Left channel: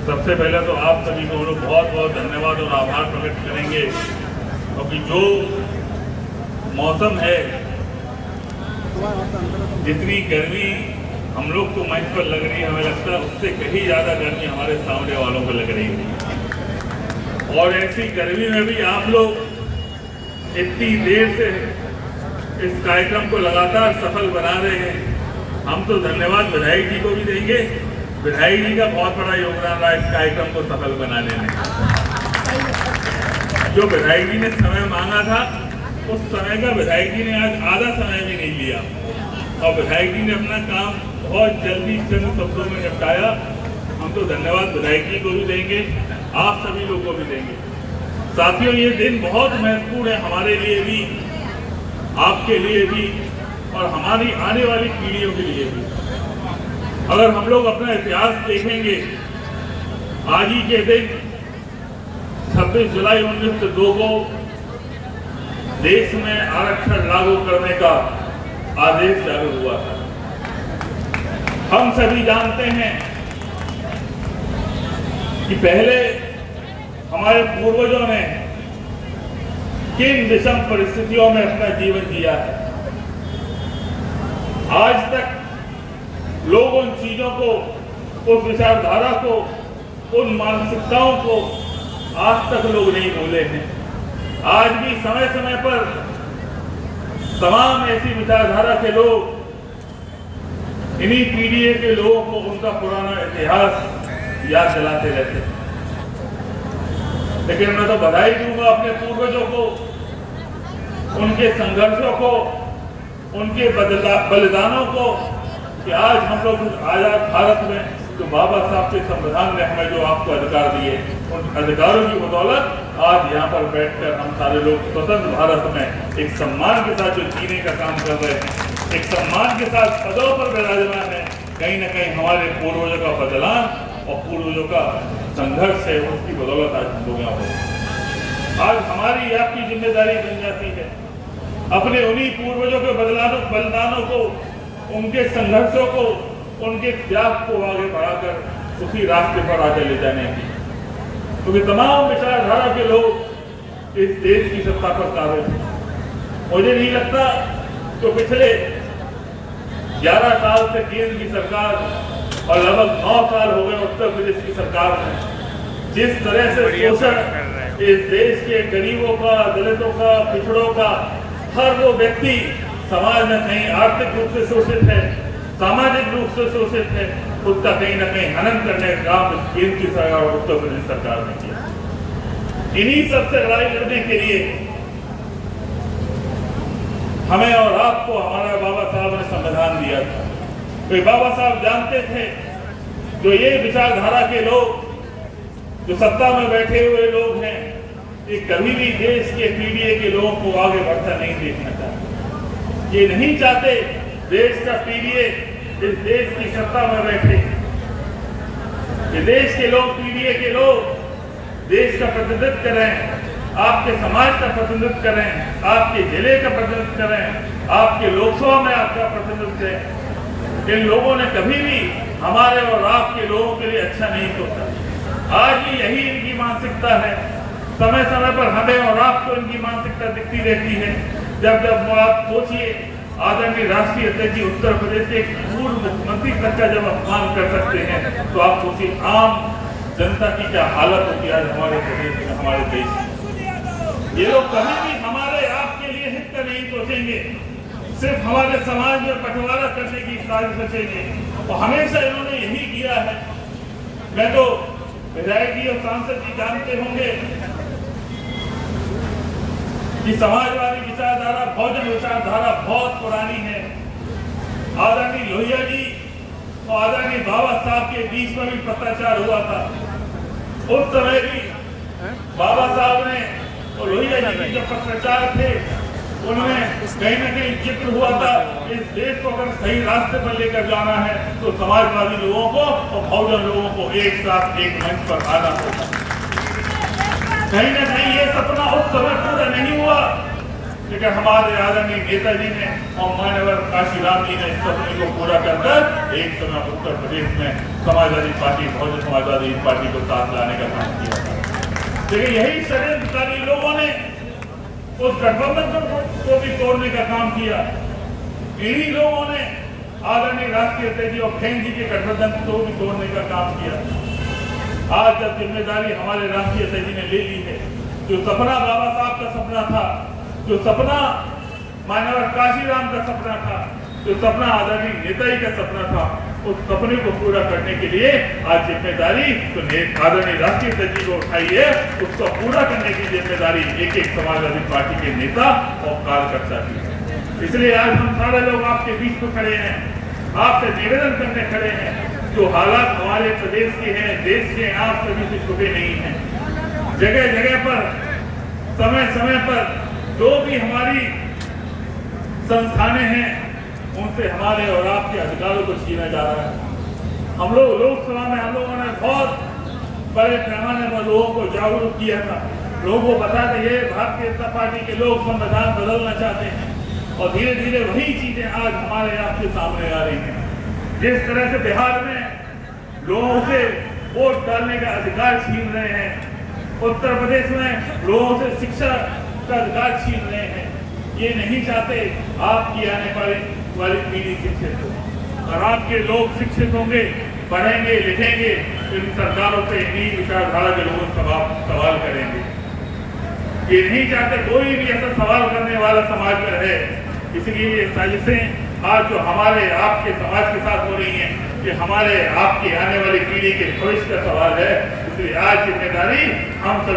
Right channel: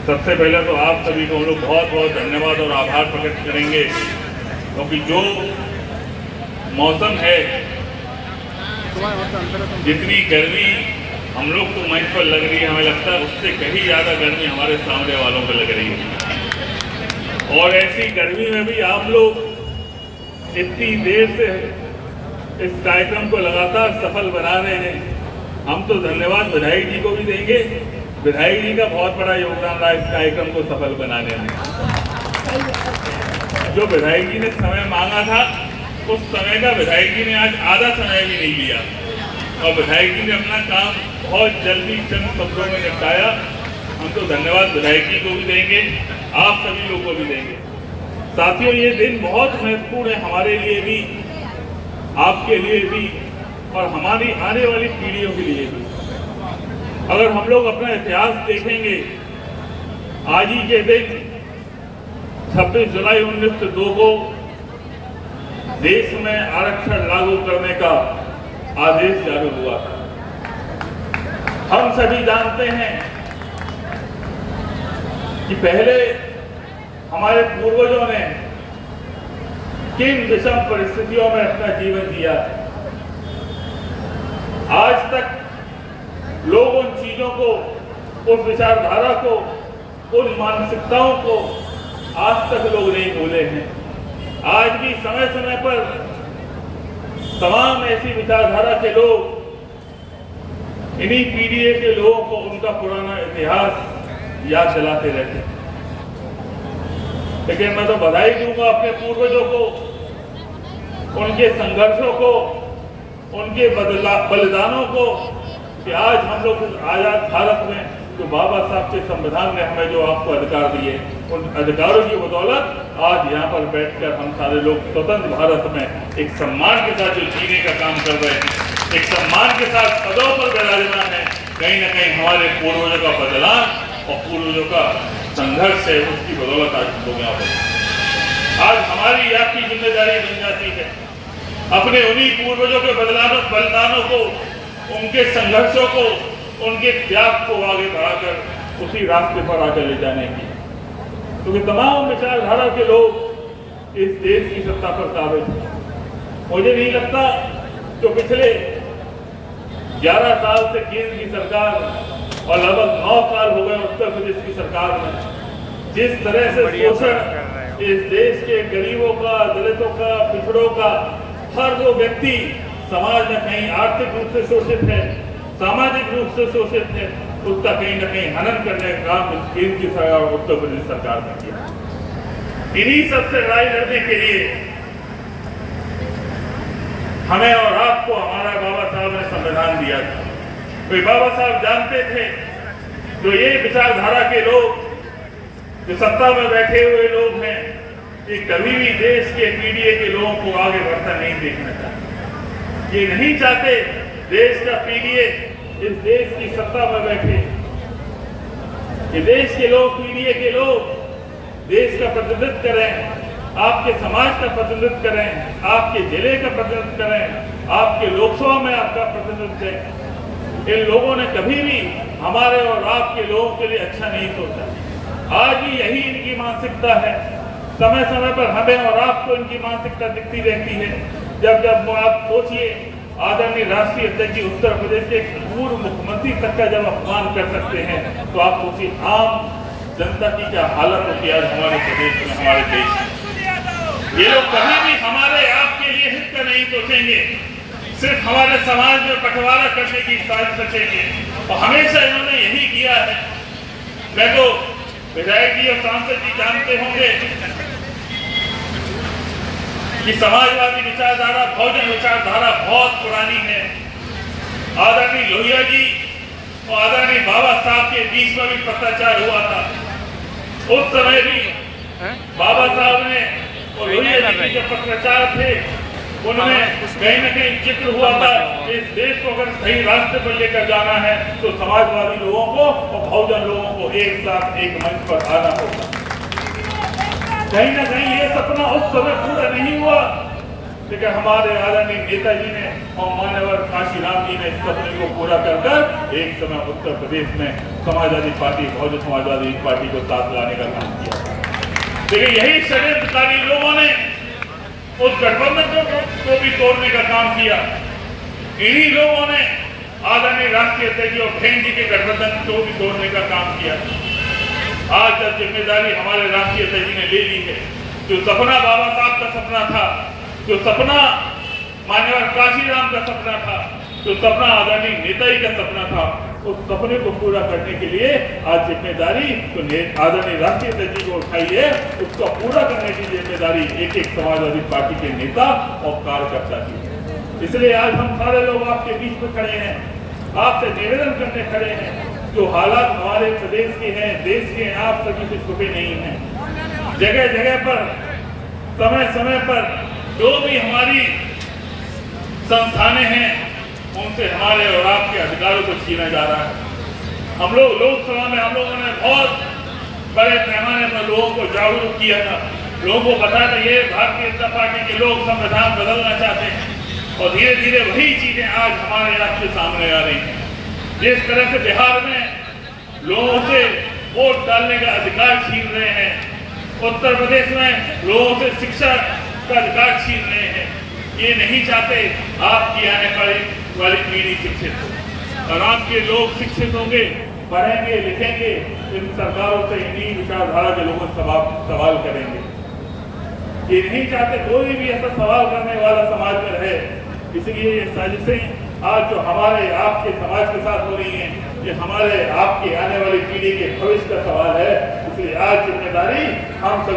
सबसे पहले तो आप सभी को हम लोग बहुत बहुत धन्यवाद और आभार प्रकट करेंगे, क्योंकि जो मौसम है, जितनी गर्मी हम लोग को मंच पर लग रही है, हमें लगता है उससे कहीं ज़्यादा गर्मी हमारे सामने वालों को लग रही है। और ऐसी गर्मी में भी आप लोग इतनी देर से इस कार्यक्रम को लगातार सफल बना रहे हैं। हम तो धन्यवाद विधायक जी को भी देंगे। विधायक जी का बहुत बड़ा योगदान रहा इस कार्यक्रम को सफल बनाने में। जो विधायक जी ने समय मांगा था, उस समय का विधायक जी ने आज आधा समय भी नहीं लिया, और विधायक जी ने अपना काम बहुत जल्दी चंद शब्दों में निपटाया। हम तो धन्यवाद विधायक जी को भी देंगे, आप सभी लोगों को भी देंगे। साथियों, ये दिन बहुत महत्वपूर्ण है हमारे लिए भी, आपके लिए भी, और हमारी आने वाली पीढ़ियों के लिए भी। अगर हम लोग अपना इतिहास देखेंगे, आज ही के दिन 26 जुलाई 1902 को देश में आरक्षण लागू करने का आदेश जारी हुआ। हम सभी जानते हैं कि पहले हमारे पूर्वजों ने किन विषम परिस्थितियों में अपना जीवन जिया। आज तक लोग उन चीजों को, उस विचारधारा को, उन मानसिकताओं को आज तक लोग नहीं भूले हैं। आज भी समय समय पर तमाम ऐसी विचारधारा के लोग, इन्हीं पीढ़ी के लोगों को उनका पुराना इतिहास याद दिलाते रहते हैं। लेकिन मैं तो बधाई दूंगा अपने पूर्वजों को, उनके संघर्षों को, उनके बलिदानों को, कि आज हम लोग आजाद भारत में जो बाबा साहब के संविधान ने हमें जो आपको अधिकार दिए, उन अधिकारों की बदौलत आज यहाँ पर बैठकर हम सारे लोग स्वतंत्र भारत में एक सम्मान के साथ जो जीने का काम कर रहे हैं, एक सम्मान के साथ पदों पर विराजमान है। कहीं ना कहीं हमारे पूर्वजों का बलिदान और पूर्वजों का संघर्ष है, उसकी बदौलत आज हम लोग यहाँ पर। आज हमारी आपकी जिम्मेदारी बन जाती है अपने उन्हीं पूर्वजों के बलिदानों को, उनके संघर्षों को, उनके त्याग को आगे बढ़ाकर उसी रास्ते पर आगे ले जाने की। क्योंकि तमाम विचारधारा के लोग इस देश की सत्ता पर काबिज हैं। मुझे नहीं लगता तो पिछले 11 साल से केंद्र की सरकार और लगभग 9 साल हो गए उत्तर प्रदेश की सरकार ने जिस तरह से शोषण इस देश के गरीबों का, दलितों का, पिछड़ों का, हर वो व्यक्ति समाज में कहीं आर्थिक रूप से शोषित है, सामाजिक रूप से शोषित है, उसका कहीं न कहीं हनन करने का काम केंद्र की सरकार और उत्तर प्रदेश सरकार ने किया। इन्हीं सबसे लड़ाई लड़ने के लिए हमें और आपको हमारा बाबा साहब ने संविधान दिया था। कोई बाबा साहब जानते थे तो ये विचारधारा के लोग, जो सत्ता में बैठे हुए लोग हैं, ये कभी भी देश के पीढ़ी के लोगों को आगे बढ़ता नहीं देखना चाहते। ये नहीं चाहते देश का पीढ़ी इस देश की सत्ता में बैठे। ये देश के लोग, पीढ़ी के लोग देश का प्रतिनिधित्व करें, आपके समाज का प्रतिनिधित्व करें, आपके जिले का प्रतिनिधित्व करें, आपके लोकसभा में आपका प्रतिनिधित्व करें। इन लोगों ने कभी भी हमारे और आपके लोगों के लिए अच्छा नहीं सोचा। आज भी यही इनकी मानसिकता है। समय समय पर हमें और आपको इनकी मानसिकता दिखती रहती है। जब आप सोचिए, आदरणीय राष्ट्रीय अध्यक्ष जी उत्तर प्रदेश के पूर्व मुख्यमंत्री तक का जब अपमान कर सकते हैं, तो आप सोचिए आम जनता की क्या हालत होती है हमारे प्रदेश में, हमारे देश में। ये लोग कभी भी हमारे आपके लिए हित का नहीं सोचेंगे, सिर्फ हमारे समाज में बंटवारा करने की साजिश रचेंगे। और हमेशा इन्होंने यही किया है। मैं तो विधायक जी और सांसद जी जानते होंगे कि समाजवादी विचारधारा, बहुजन विचारधारा बहुत पुरानी है। आदरणीय लोहिया जी और आदरणीय बाबा साहब के बीच में भी पत्राचार हुआ था। उस समय भी बाबा साहब ने और लोहिया जी के जो पत्राचार थे, उनमें कहीं न कहीं जिक्र हुआ था इस देश को अगर सही रास्ते पर लेकर जाना है तो समाजवादी लोगों को और बहुजन लोगों को एक साथ एक मंच पर आना होगा। कहीं ना कहीं ये सपना उस समय पूरा नहीं हुआ, लेकिन हमारे आदरणीय नेताजी ने और मान्यवर काशीराम जी ने इस सपने को पूरा कर कर एक समय उत्तर प्रदेश में समाजवादी पार्टी, बहुजन समाजवादी पार्टी को साथ लाने का काम किया। लेकिन यही षड्यंत्रकारी लोगों ने उस गठबंधन को भी तोड़ने का काम किया। इन्हीं लोगों ने आदरणीय राष्ट्रीय अध्यक्ष और बहन जी के गठबंधन को भी तोड़ने का काम किया। आज जब जिम्मेदारी हमारे राष्ट्रीय अध्यक्ष जी ने ले ली है, जो सपना बाबा साहब का सपना था, जो सपना मान्यवर काशीराम का सपना था, जो सपना आदरणीय नेताजी का सपना था, उस सपने को पूरा करने के लिए आज जिम्मेदारी तो आदरणीय राष्ट्रीय अध्यक्ष जी को उठाई है। उसको पूरा करने की जिम्मेदारी एक एक समाजवादी पार्टी के नेता और कार्यकर्ता की है। इसलिए आज हम सारे लोग आपके बीच में खड़े हैं, आपसे निवेदन करने खड़े हैं। जो हालात हमारे प्रदेश के हैं, देश के, आप सभी से छुपे नहीं हैं। जगह जगह पर, समय समय पर जो भी हमारी संस्थानें हैं, उनसे हमारे और आपके अधिकारों को छीना जा रहा है। हम लोग लोकसभा में हम लोगों ने बहुत बड़े पैमाने पर लोगों को जागरूक किया था। लोगों को बताया था ये भारतीय जनता पार्टी के लोग संविधान बदलना चाहते हैं, और धीरे धीरे वही चीजें आज हमारे आपके सामने आ रही हैं। जिस तरह से बिहार में लोगों से वोट डालने का अधिकार छीन रहे हैं, उत्तर प्रदेश में लोगों से शिक्षा का अधिकार छीन रहे हैं, ये नहीं चाहते आपकी आने वाली पीढ़ी शिक्षित हो। और आपके लोग शिक्षित होंगे, पढ़ेंगे, लिखेंगे, इन सरकारों से इन्हीं विचारधारा के लोग सवाल करेंगे। ये नहीं चाहते कोई भी ऐसा सवाल करने वाला समाज में रहे। इसलिए ये साजिशें आज जो हमारे आपके समाज के साथ हो रही हैं, ये हमारे आपके आने वाली पीढ़ी के भविष्य का सवाल है। इसलिए आज जिम्मेदारी हम सब